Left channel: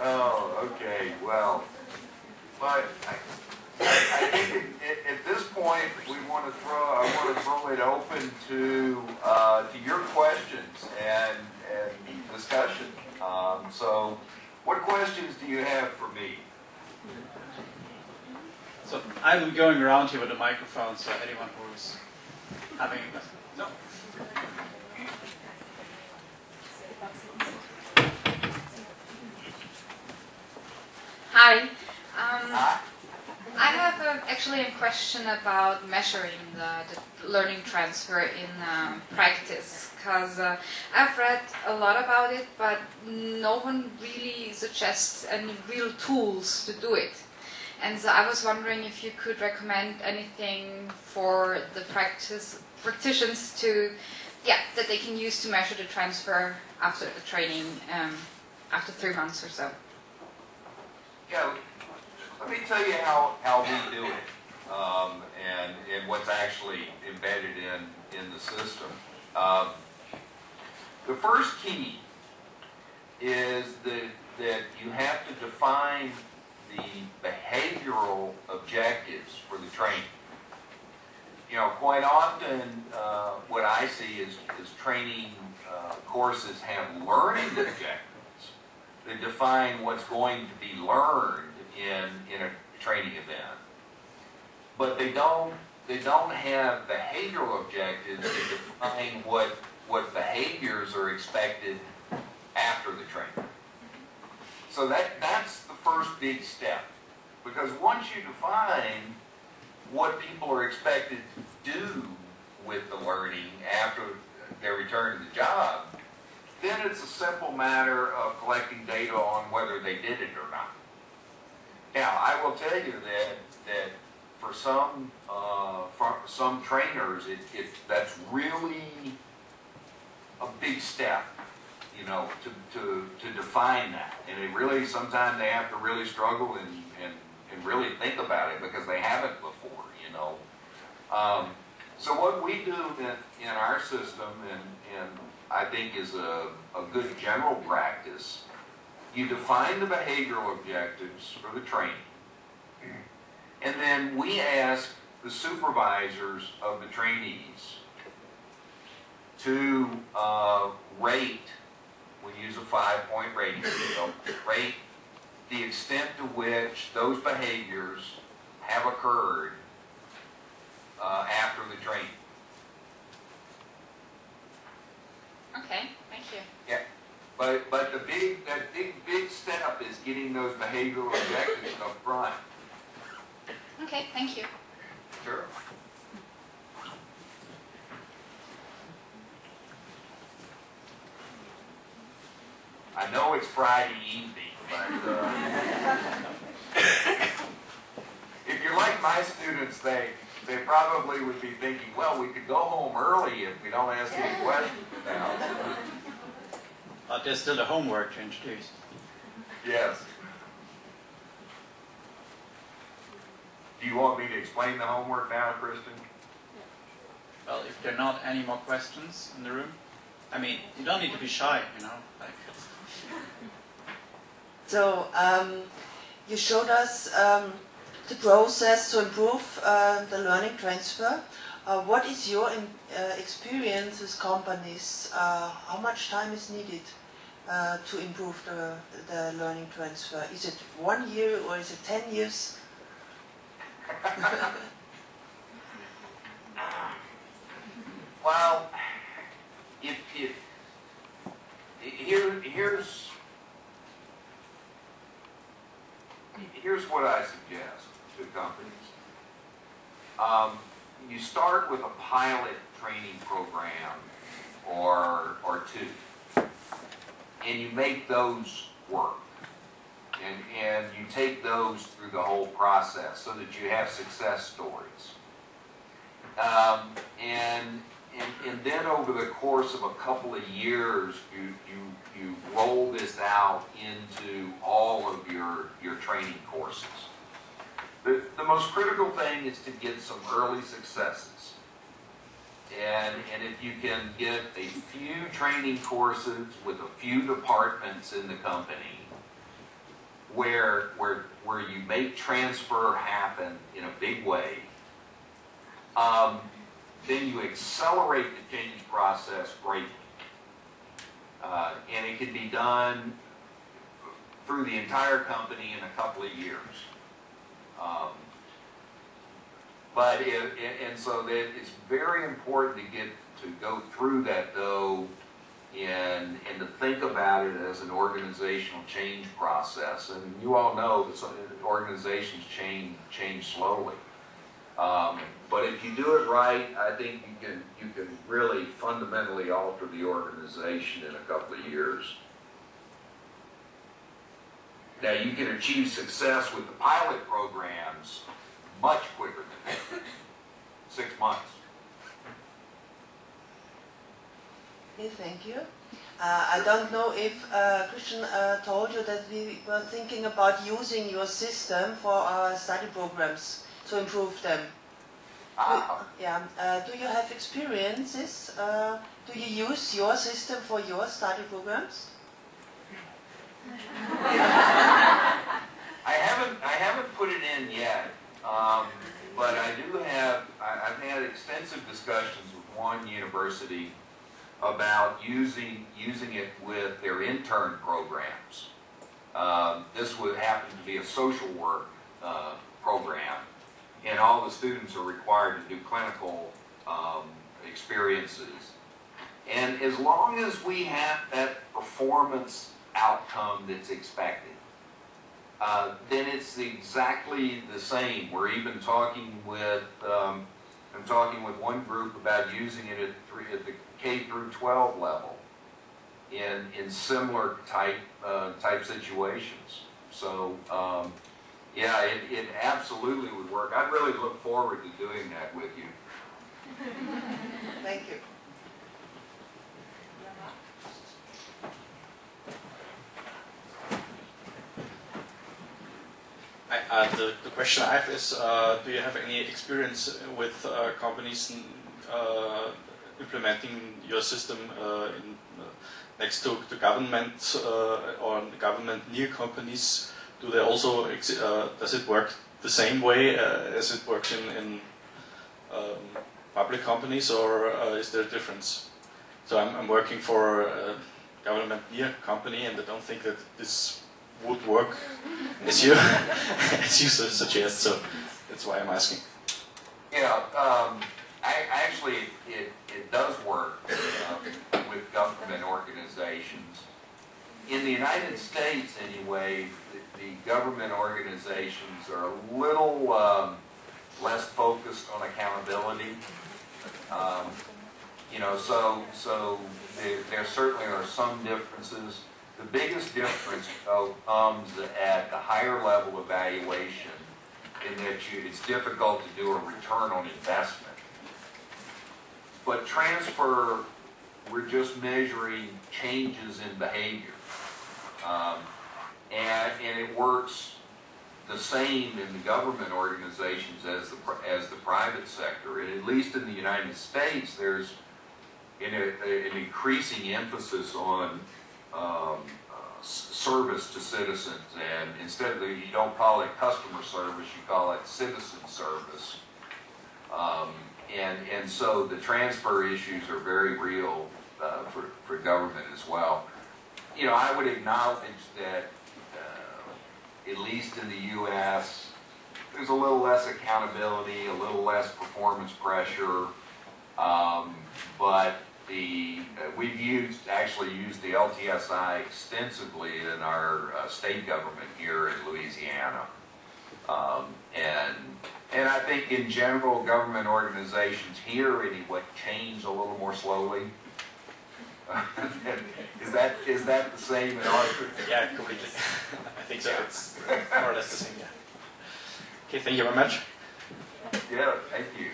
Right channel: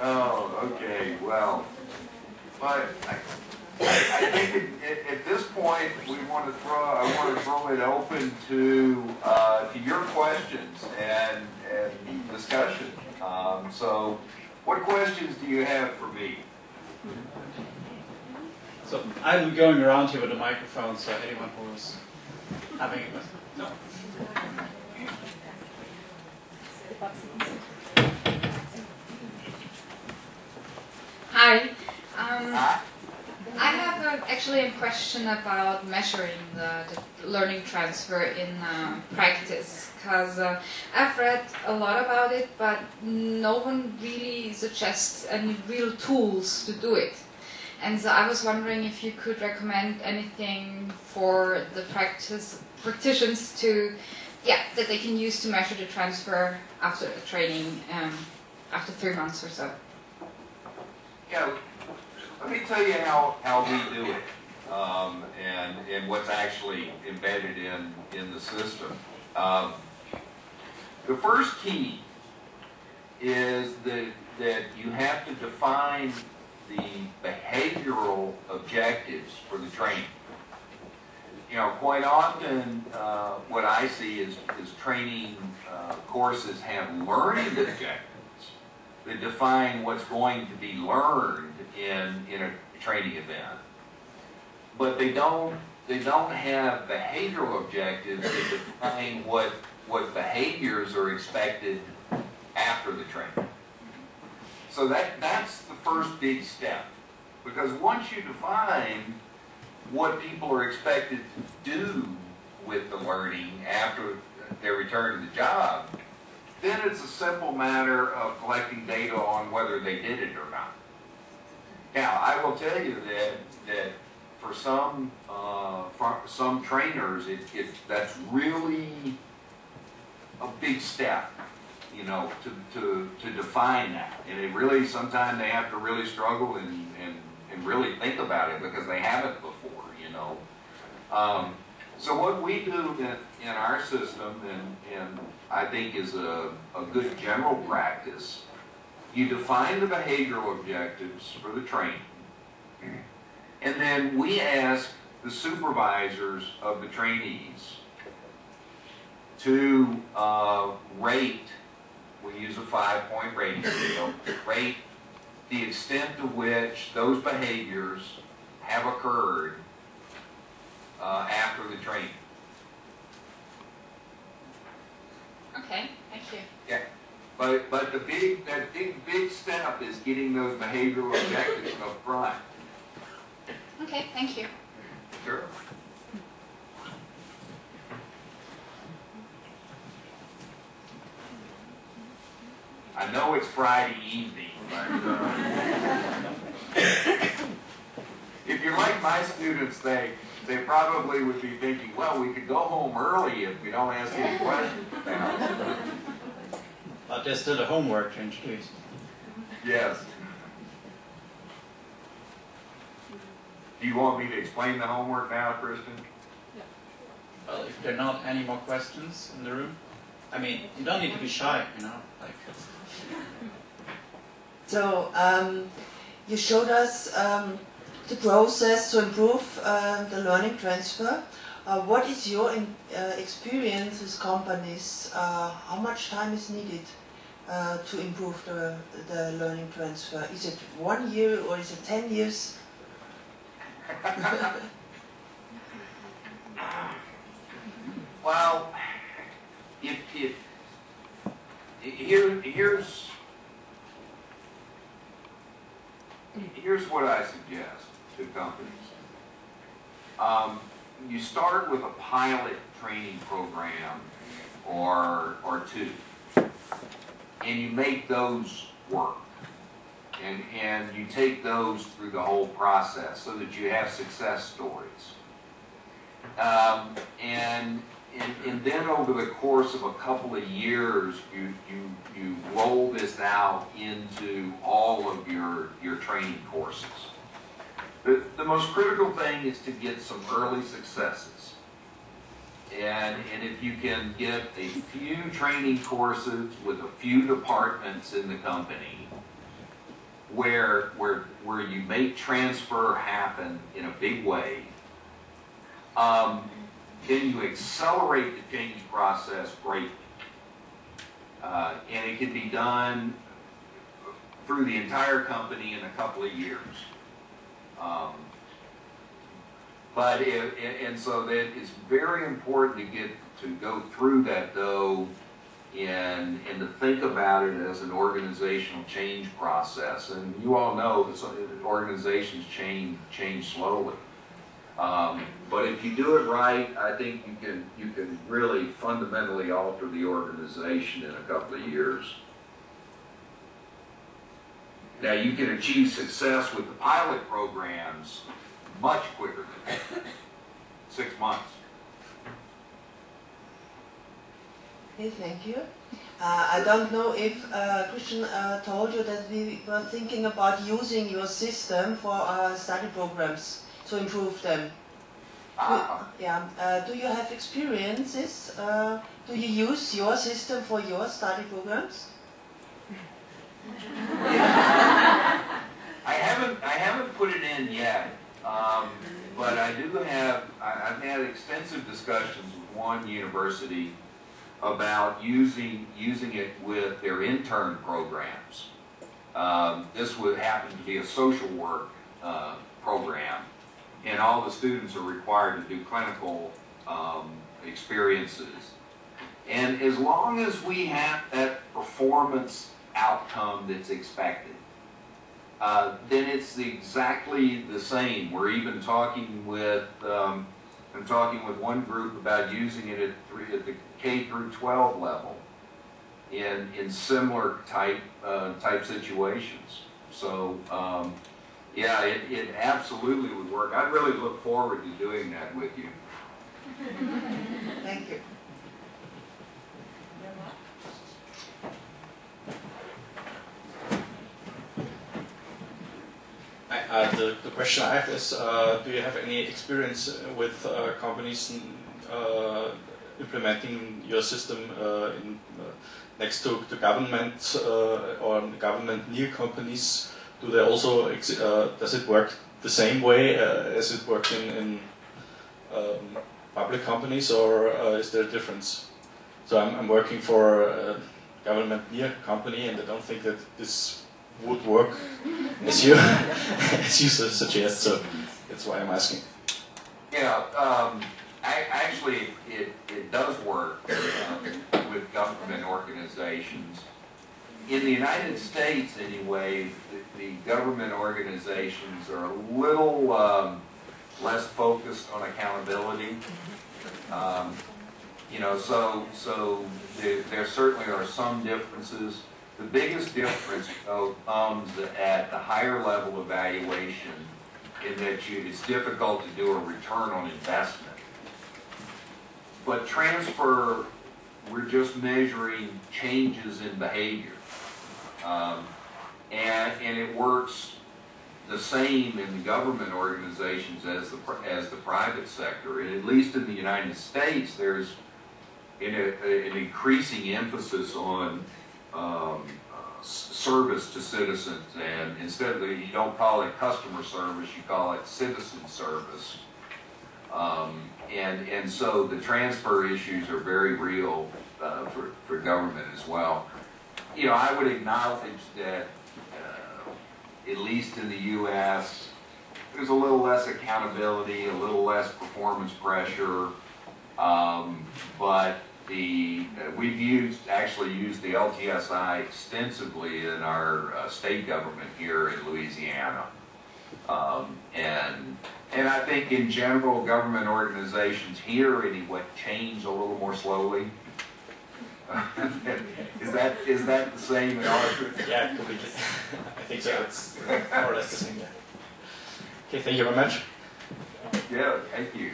Oh, okay. Well, but I think at this point we want to throw it open to your questions and discussion. So, what questions do you have for me? So I'm going around here with a microphone, so anyone who's having a question. No. Hi. I have actually a question about measuring the learning transfer in practice, because I've read a lot about it, but no one really suggests any real tools to do it. And so I was wondering if you could recommend anything for the practitioners to, that they can use to measure the transfer after the training, after 3 months or so. Yeah, let me tell you how we do it, and what's actually embedded in the system. The first key is that you have to define the behavioral objectives for the training. You know, quite often what I see is training courses have learning objectives that define what's going to be learned in a training event, but they don't have behavioral objectives that define what behaviors are expected after the training. So that's the first big step, because once you define what people are expected to do with the learning after their return to the job, then it's a simple matter of collecting data on whether they did it or not. Now, I will tell you that for some trainers, that's really a big step, you know, to define that. And it really, sometimes they have to really struggle and really think about it because they haven't before, you know. So what we do in our system, and I think is a good general practice, you define the behavioral objectives for the training, and then we ask the supervisors of the trainees to rate. We use a 5-point rating scale. Rate the extent to which those behaviors have occurred after the training. Okay, thank you. Yeah, but that big step is getting those behavioral objectives up front. Okay, thank you. Sure. I know it's Friday evening, but if you're like my students, they probably would be thinking, well, we could go home early if we don't ask any questions now. But there's still a homework to introduce. Yes. Do you want me to explain the homework now, Kristen? Yeah. Well, if there are not any more questions in the room, I mean, you don't need to be shy, you know. Like. So, you showed us the process to improve the learning transfer. What is your experience with companies? How much time is needed to improve the learning transfer? Is it 1 year or is it 10 years? Well, here's what I suggest to companies. You start with a pilot training program or two, and you make those work. And you take those through the whole process so that you have success stories. And then over the course of a couple of years, you roll this out into all of your training courses. The most critical thing is to get some early successes. And if you can get a few training courses with a few departments in the company, where you make transfer happen in a big way, then you accelerate the change process greatly. And it can be done through the entire company in a couple of years. And so that it's very important to go through that though, and to think about it as an organizational change process. And you all know that organizations change slowly. But if you do it right, I think you can really fundamentally alter the organization in a couple of years. Now you can achieve success with the pilot programs much quicker than that. 6 months. Okay, thank you. I don't know if Christian told you that we were thinking about using your system for study programs to improve them. Do you have experiences? Do you use your system for your study programs? I haven't put it in yet, but I do have. I've had extensive discussions with one university about using it with their intern programs. This would happen to be a social work program, and all the students are required to do clinical experiences. And as long as we have that performance outcome that's expected, then it's exactly the same. We're even talking with, I'm talking with one group about using it at the K through 12 level in similar type situations. So yeah, it absolutely would work. I really look forward to doing that with you. Thank you. The question I have is, do you have any experience with companies implementing your system next to government or government near companies? Do they also, does it work the same way as it works in public companies, or is there a difference? So I'm working for a government near company, and I don't think that this would work as you suggest. So that's why I'm asking. Yeah, actually, it does work with government organizations. In the United States, anyway, the government organizations are a little less focused on accountability. You know, so there certainly are some differences. The biggest difference, though, comes at the higher level evaluation, in that it's difficult to do a return on investment. But transfer, we're just measuring changes in behavior. And it works the same in the government organizations as the private sector. And at least in the United States, there's an increasing emphasis on service to citizens, and instead of you don't call it customer service, you call it citizen service. And so the transfer issues are very real for government as well. You know, I would acknowledge that at least in the U.S., there's a little less accountability, a little less performance pressure, but we've actually used the LTSI extensively in our state government here in Louisiana. And I think in general, government organizations here anyway change a little more slowly. Is that the same in our group? Yeah, completely. I think so. It's more or less the same. Yeah. Okay, thank you very much. Yeah, thank you.